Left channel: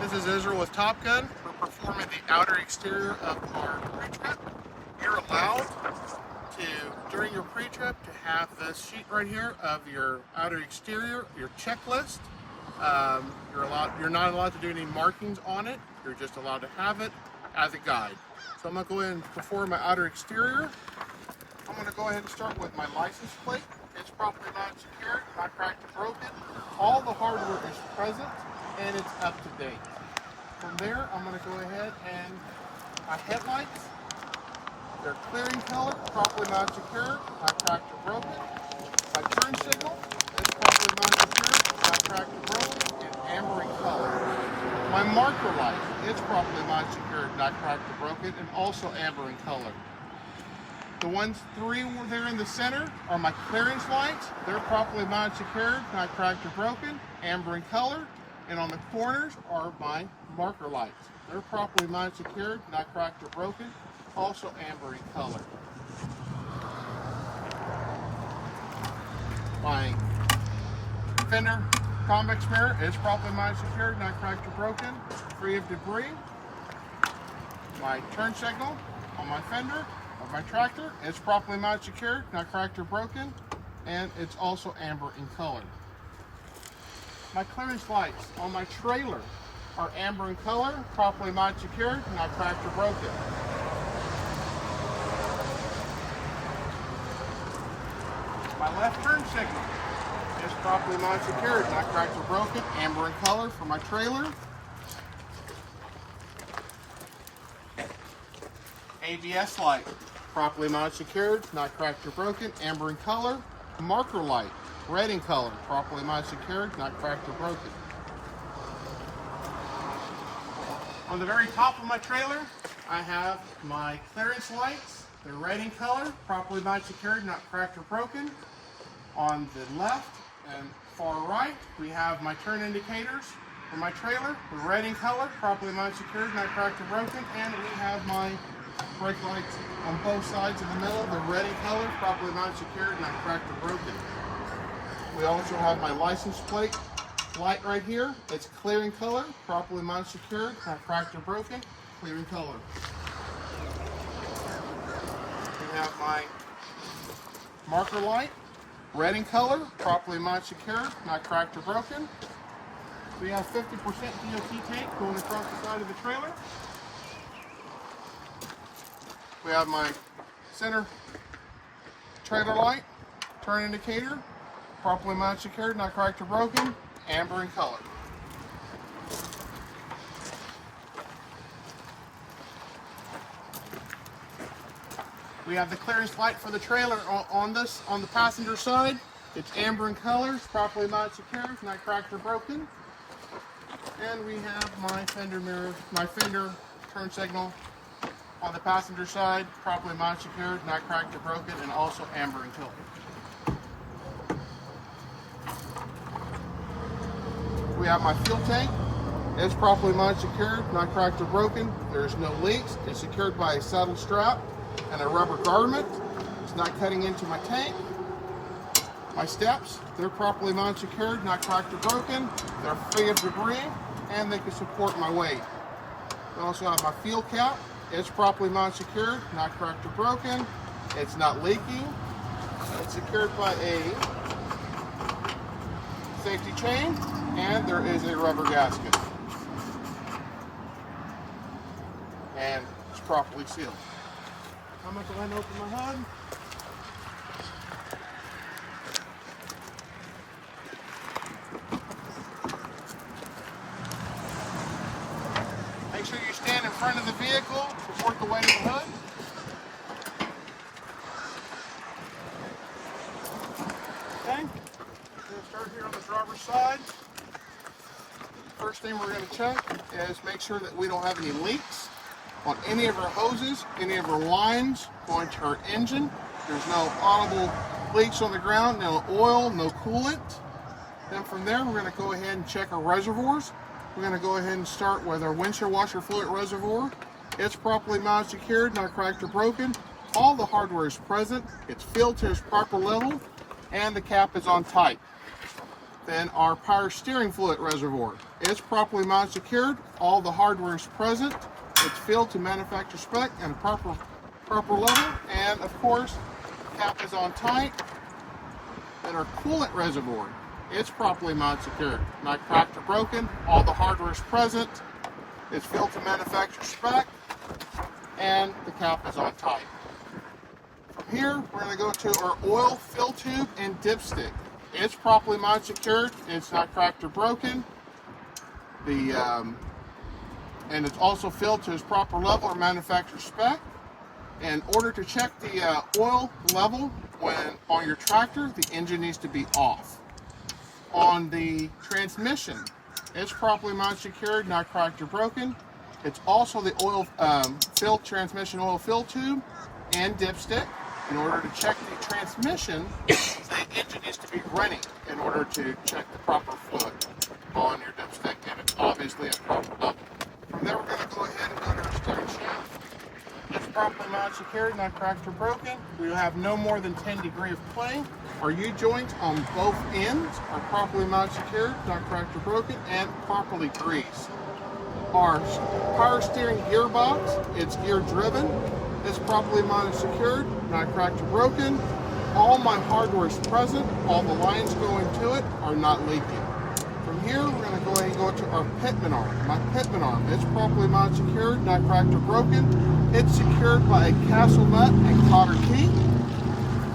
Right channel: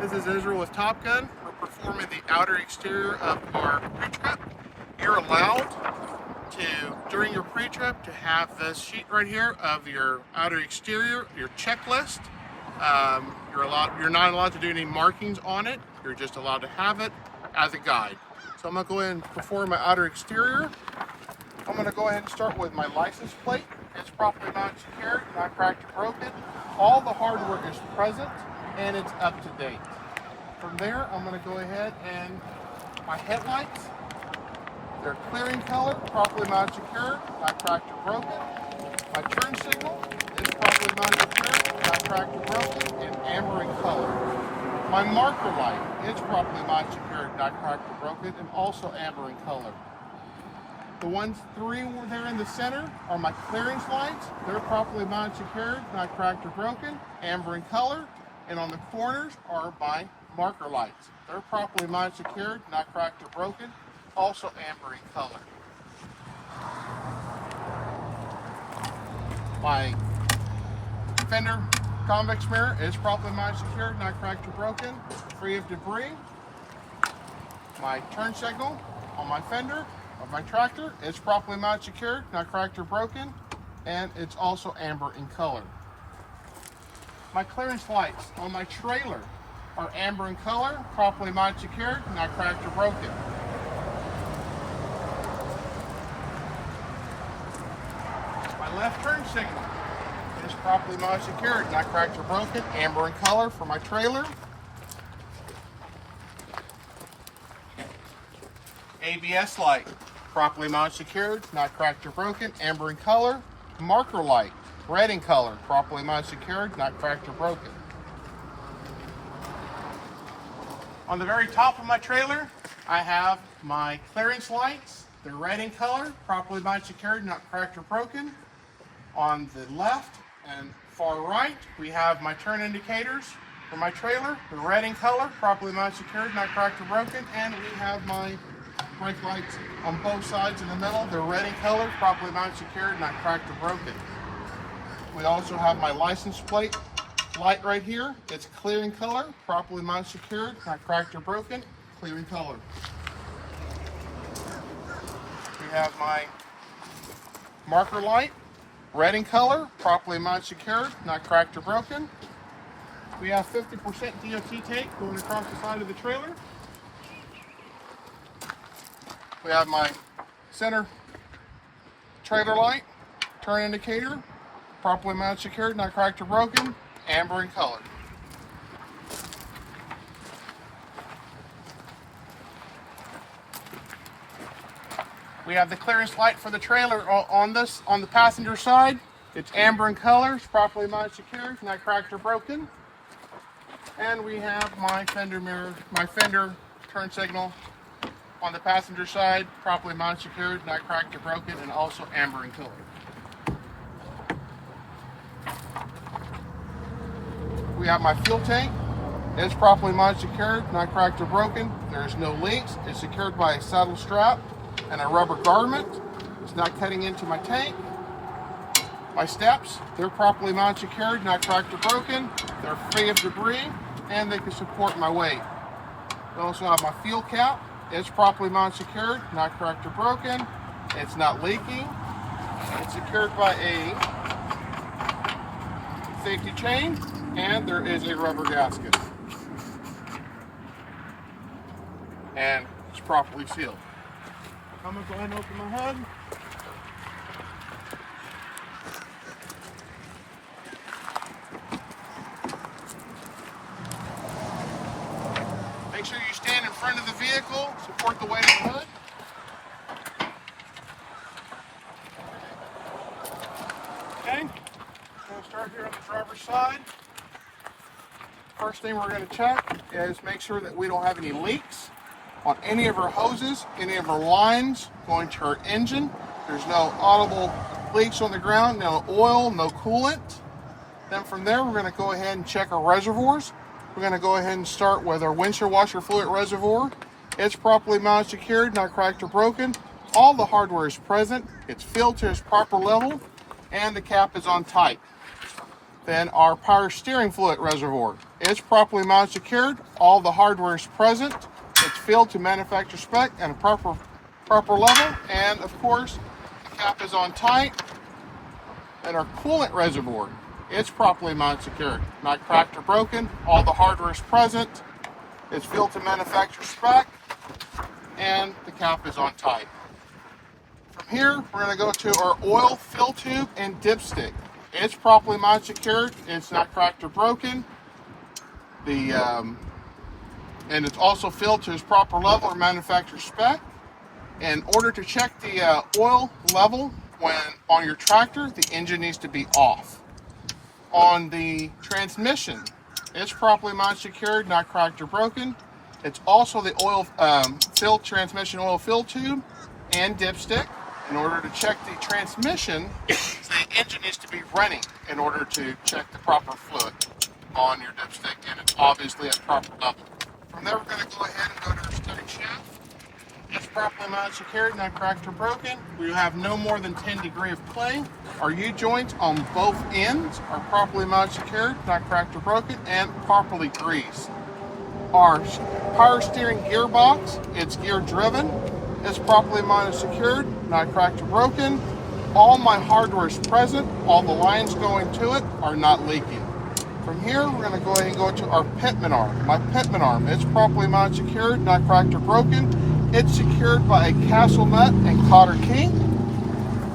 This is Israel with Top Gun. We're performing the outer exterior of our pre-trip. You're allowed to, during your pre-trip, to have this sheet right here of your outer exterior, your checklist. You're not allowed to do any markings on it. You're just allowed to have it as a guide. So I'm going to go ahead and perform my outer exterior. I'm going to go ahead and start with my license plate. It's properly not secured, not cracked or broken. All the hardware is present and it's up to date. From there, I'm going to go ahead and my headlights, they're clearing color, properly not secured, not cracked or broken. My turn signal is properly not secured, not cracked or broken, and amber in color. My marker light is properly not secured, not cracked or broken, and also amber in color. The three there in the center are my clearance lights. They're properly not secured, not cracked or broken, amber in color. And on the corners are my marker lights. They're properly not secured, not cracked or broken, also amber in color. My fender convex mirror is properly not secured, not cracked or broken, free of debris. My turn signal on my fender of my tractor is properly not secured, not cracked or broken, and it's also amber in color. My clearance lights on my trailer are amber in color, properly not secured, not cracked or broken. My left turn signal is properly not secured, not cracked or broken, amber in color for my trailer. ABS light, properly not secured, not cracked or broken, amber in color. Marker light, red in color, properly not secured, not cracked or broken. On the very top of my trailer, I have my clearance lights. They're red in color, properly not secured, not cracked or broken. On the left and far right, we have my turn indicators for my trailer. They're red in color, properly not secured, not cracked or broken. And we have my brake lights on both sides in the middle. They're red in color, properly not secured, not cracked or broken. We also have my license plate light right here. It's clear in color, properly not secured, not cracked or broken, clear in color. We have my marker light, red in color, properly not secured, not cracked or broken. We have 50% DOT tape going across the side of the trailer. We have my center trailer light, turn indicator, properly not secured, not cracked or broken, amber in color. We have the clearance light for the trailer on the passenger side. It's amber in color, it's properly not secured, not cracked or broken. And we have my fender mirror, my fender turn signal on the passenger side, properly not secured, not cracked or broken, and also amber in color. We have my fuel tank. It's properly not secured, not cracked or broken. There's no leaks. It's secured by a saddle strap and a rubber garment. It's not cutting into my tank. My steps, they're properly not secured, not cracked or broken. They're free of debris and they can support my weight. I also have my fuel cap. It's properly not secured, not cracked or broken. It's not leaking. It's secured by a safety chain, and there is a rubber gasket. And it's properly sealed. I'm going to go ahead and open my hood. Make sure you stand in front of the vehicle, support the weight of the hood. Okay, going to start here on the driver's side. First thing we're going to check is make sure that we don't have any leaks on any of our hoses, any of our lines going to our engine. There's no audible leaks on the ground, no oil, no coolant. Then from there, we're going to go ahead and check our reservoirs. We're going to go ahead and start with our windshield washer fluid reservoir. It's properly not secured, not cracked or broken. All the hardware is present. It's filled to its proper level, and the cap is on tight. Then our power steering fluid reservoir. It's properly mounted secured. All the hardware is present. It's filled to manufacturer spec and a proper level. And of course, the cap is on tight. And our coolant reservoir, it's properly mounted secured. Not cracked or broken. All the hardware is present. It's filled to manufacturer spec. And the cap is on tight. From here, we're going to go to our oil fill tube and dipstick. It's properly mounted secured. It's not cracked or broken. And it's also filled to its proper level or manufacturer spec. In order to check the oil level on your tractor, the engine needs to be off. On the transmission, it's properly mounted secured, not cracked or broken. It's also the transmission oil fill tube and dipstick. In order to check the transmission, the engine needs to be running in order to check the proper fluid on your dipstick, and it's obviously at proper level. From there, we're going to go ahead and go to our steering shaft. It's properly mounted secured, not cracked or broken. We have no more than 10 degrees of play. Our U-joints on both ends are properly mounted secured, not cracked or broken, and properly greased. Our power steering gearbox, it's gear driven. It's properly mounted secured, not cracked or broken. All my hardware is present. All the lines going to it are not leaking. From here, we're going to go ahead and go to our pitman arm. My pitman arm, it's properly mounted secured, not cracked or broken. It's secured by a castle nut and cotter key.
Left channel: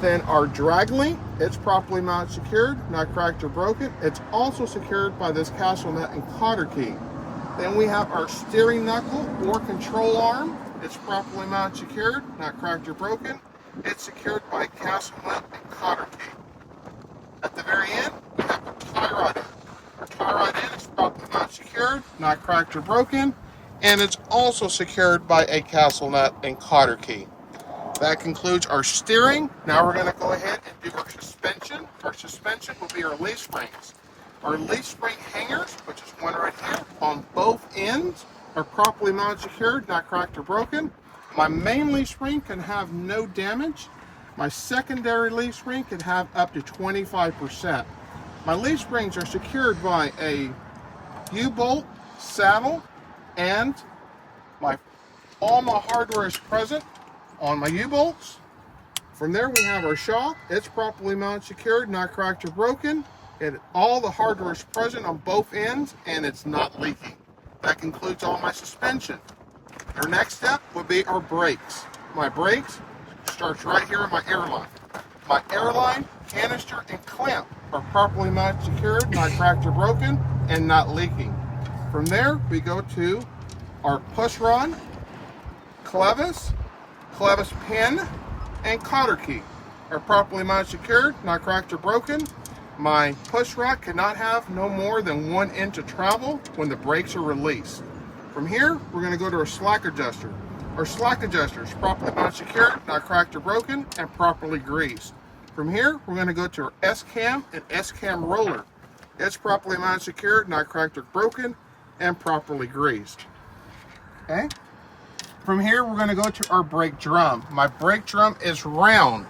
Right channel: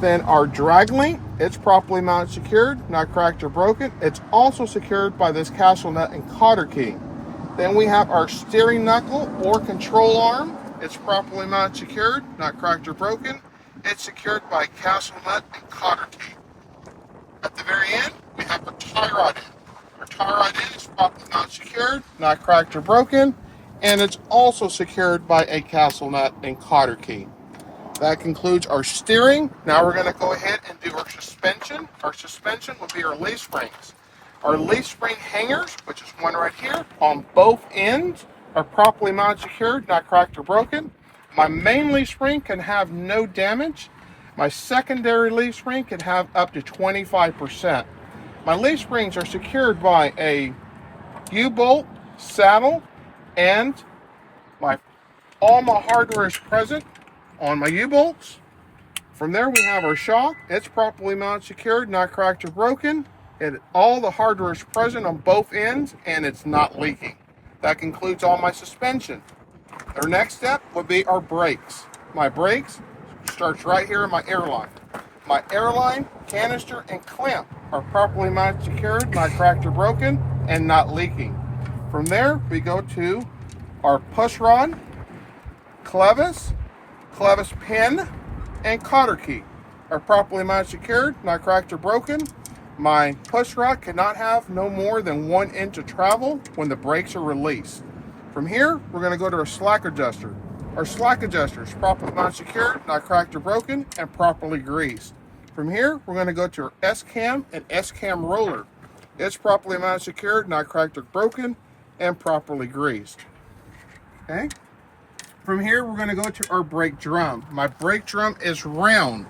Then our drag link, it's properly mounted secured, not cracked or broken. It's also secured by this castle nut and cotter key. Then we have our steering knuckle or control arm. It's properly mounted secured, not cracked or broken. It's secured by castle nut and cotter key. At the very end, we have the tie rod end. Our tie rod end is properly mounted secured, not cracked or broken, and it's also secured by a castle nut and cotter key. That concludes our steering. Now we're going to go ahead and do our suspension. Our suspension will be our leaf springs. Our leaf spring hangers, which is one right here, on both ends are properly mounted secured, not cracked or broken. My main leaf spring can have no damage. My secondary leaf spring can have up to 25%. My leaf springs are secured by a U-bolt saddle, and all my hardware is present on my U-bolts. From there, we have our shock. It's properly mounted secured, not cracked or broken. And all the hardware is present on both ends, and it's not leaking. That concludes all my suspension. Our next step would be our brakes. My brakes starts right here in my airline. My airline, canister, and clamp are properly mounted secured, not cracked or broken, and not leaking. From there, we go to our push rod, clevis pin, and cotter key are properly mounted secured, not cracked or broken. My push rod cannot have no more than 1 inch of travel when the brakes are released. From here, we're going to go to our slack adjuster. Our slack adjuster is properly mounted secured, not cracked or broken, and properly greased. From here, we're going to go to our S-cam and S-cam roller. It's properly mounted secured, not cracked or broken, and properly greased. Okay? From here, we're going to go to our brake drum. My brake drum is round.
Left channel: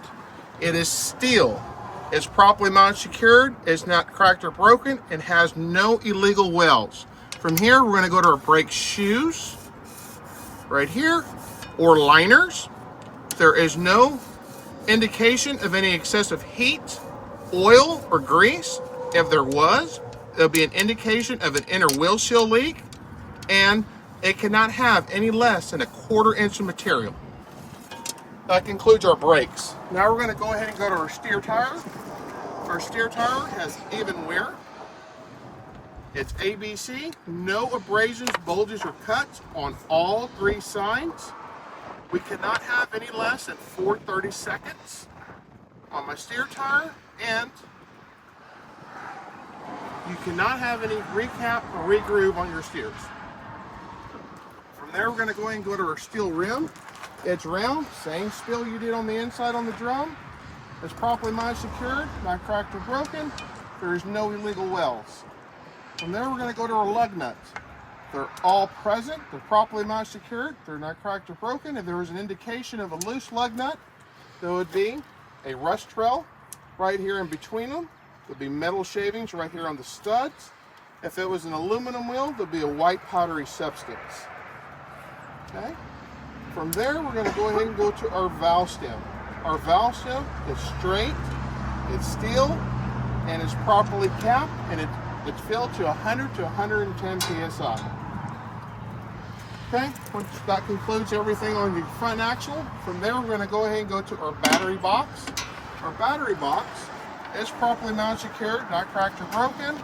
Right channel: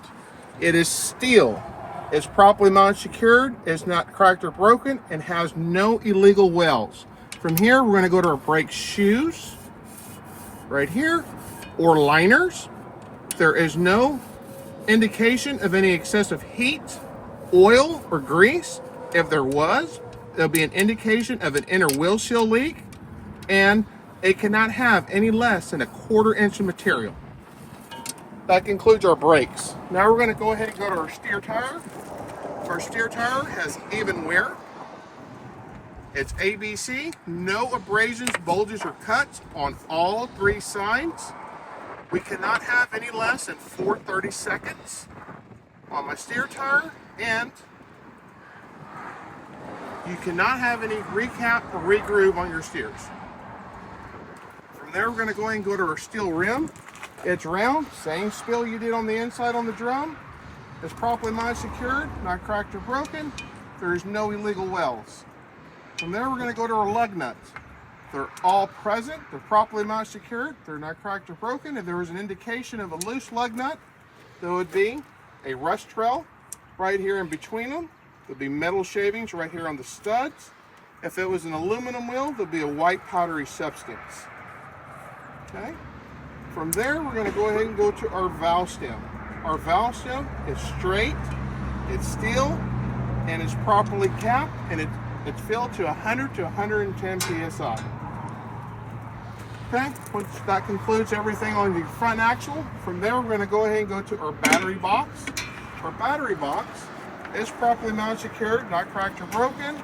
It is steel. It's properly mounted secured, it's not cracked or broken, and has no illegal welds. From here, we're going to go to our brake shoes, right here, or liners. There is no indication of any excessive heat, oil, or grease. If there was, there'll be an indication of an inner wheel seal leak, and it cannot have any less than a 1/4 inch of material. That concludes our brakes. Now we're going to go ahead and go to our steer tire. Our steer tire has even wear. It's ABC, no abrasions, bulges, or cuts on all 3 sides. We cannot have any less than 4/30 seconds on my steer tire, and you cannot have any recap or regroove on your steers. From there, we're going to go ahead and go to our steel rim. It's round, same spill you did on the inside on the drum. It's properly mounted secured, not cracked or broken. There is no illegal welds. From there, we're going to go to our lug nuts. They're all present. They're properly mounted secured. They're not cracked or broken. If there was an indication of a loose lug nut, there would be a rust trail right here in between them. There'll be metal shavings right here on the studs. If it was an aluminum wheel, there'd be a white powdery substance. Okay? From there, we're going to go ahead and go to our valve stem. Our valve stem is straight, it's steel, and it's properly capped, and it's filled to 100 to 110 psi. Okay, once that concludes everything on the front axle, from there we're going to go ahead and go to our battery box. Our battery box is properly mounted, secured, not cracked or broken.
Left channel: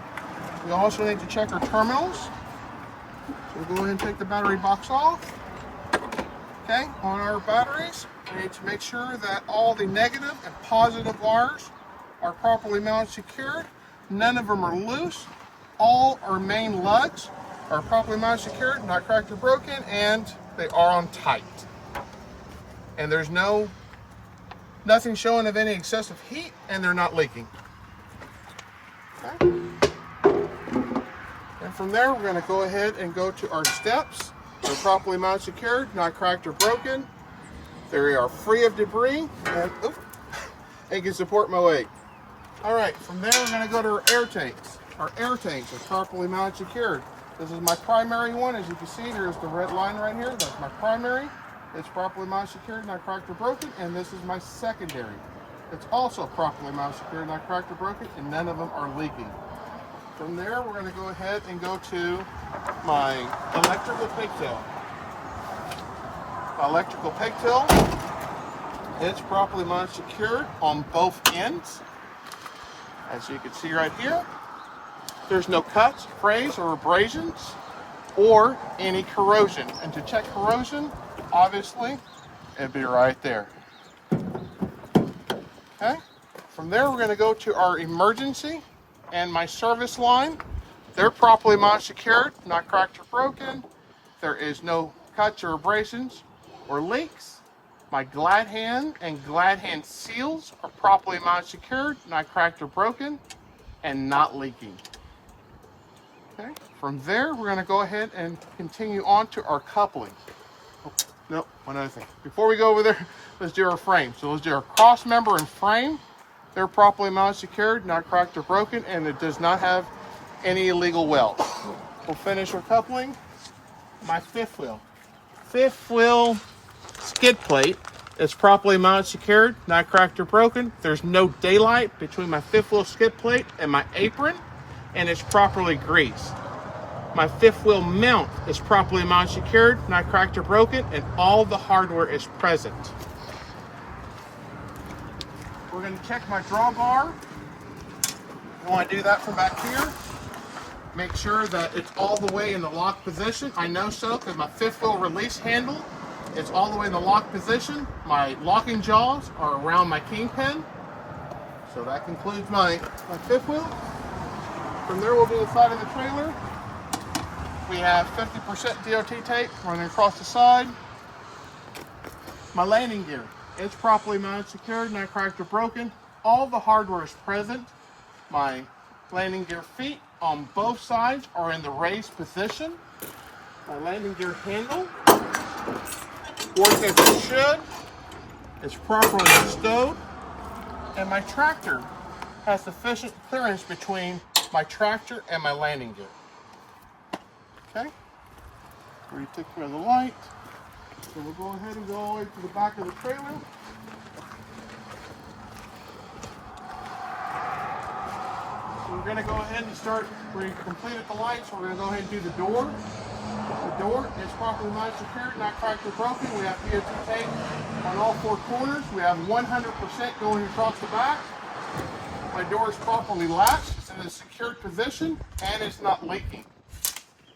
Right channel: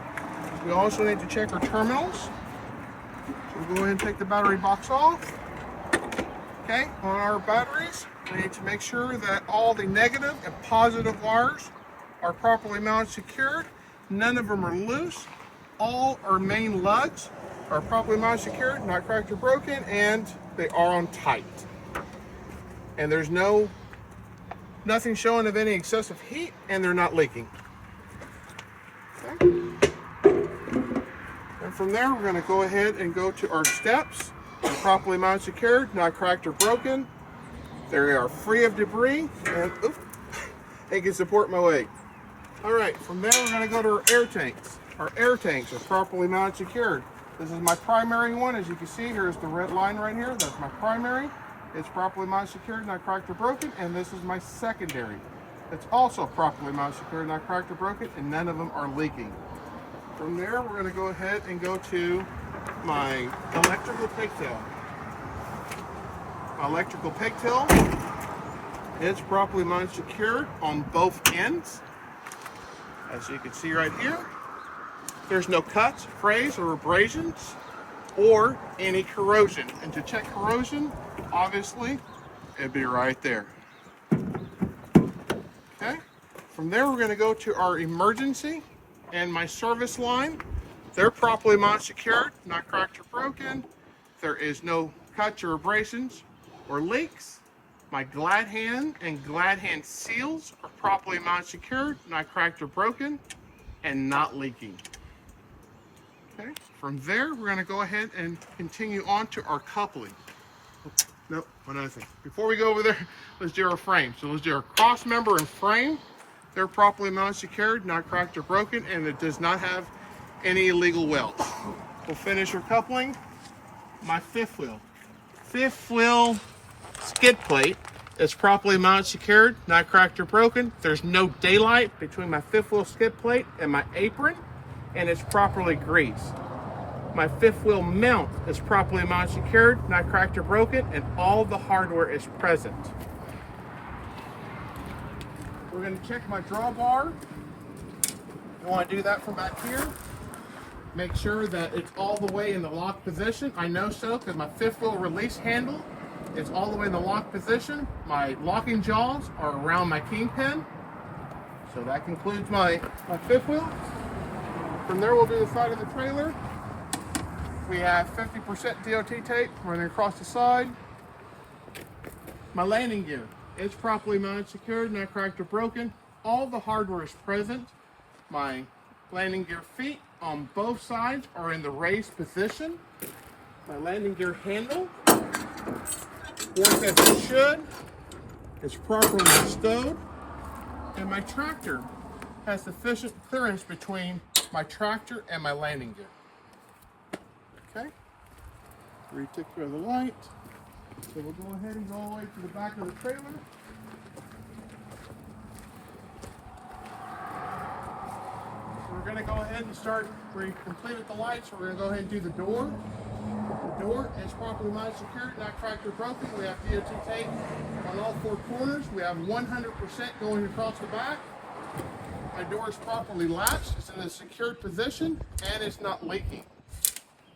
We also need to check our terminals. So we'll go ahead and take the battery box off. Okay, on our batteries, we need to make sure that all the negative and positive wires are properly mounted, secured. None of them are loose. All our main lugs are properly mounted, secured, not cracked or broken, and they are on tight. And there's nothing showing of any excessive heat, and they're not leaking. Okay. And from there, we're going to go ahead and go to our steps. They're properly mounted, secured, not cracked or broken. They are free of debris, and can support my weight. All right, from there, we're going to go to our air tanks. Our air tanks are properly mounted, secured. This is my primary one. As you can see, here's the red line right here. That's my primary. It's properly mounted, secured, not cracked or broken. And this is my secondary. It's also properly mounted, secured, not cracked or broken, and none of them are leaking. From there, we're going to go ahead and go to my electrical pigtail. My electrical pigtail, it's properly mounted, secured on both ends. As you can see right here, there's no cuts, frays, or abrasions, or any corrosion. And to check corrosion, obviously, it'd be right there. Okay? From there, we're going to go to our emergency and my service line. They're properly mounted, secured, not cracked or broken. There is no cuts or abrasions or leaks. My glad hand and glad hand seals are properly mounted, secured, not cracked or broken, and not leaking. Okay. From there, we're going to go ahead and continue on to our coupling. Oh, no, one other thing. Before we go over there, let's do our frame. So let's do our cross member and frame. They're properly mounted, secured, not cracked or broken, and it does not have any illegal welds. We'll finish our coupling. My fifth wheel. Fifth wheel skid plate is properly mounted, secured, not cracked or broken. There's no daylight between my fifth wheel skid plate and my apron, and it's properly greased. My fifth wheel mount is properly mounted, secured, not cracked or broken, and all the hardware is present. We're going to check my drawbar. You want to do that from back here. Make sure that it's all the way in the lock position. I know so because my fifth wheel release handle is all the way in the lock position. My locking jaws are around my kingpin. So that concludes my fifth wheel. From there, we'll do the side of the trailer. We have 50% DOT tape running across the side. My landing gear, it's properly mounted, secured, not cracked or broken. All the hardware is present. My landing gear feet on both sides are in the raised position. My landing gear handle works as it should. It's properly stowed. And my tractor has sufficient clearance between my tractor and my landing gear. Okay, we take care of the light. So we'll go ahead and go all the way to the back of the trailer. So we're going to go ahead and start, we completed the lights, so we're going to go ahead and do the door. The door is properly mounted, secured, not cracked or broken. We have DOT tape on all four corners. We have 100% going across the back. My door is properly latched, it's in a secured position, and it's not leaking.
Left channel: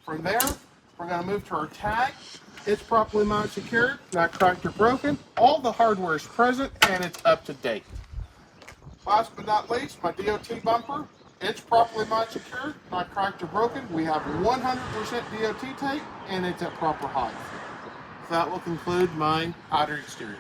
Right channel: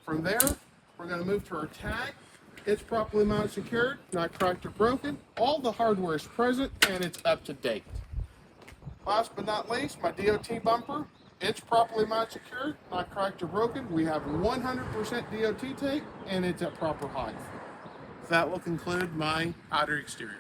From there, we're going to move to our tag. It's properly mounted, secured, not cracked or broken. All the hardware is present, and it's up to date. Last but not least, my DOT bumper. It's properly mounted, secured, not cracked or broken. We have 100% DOT tape, and it's at proper height. That will conclude my outer exterior.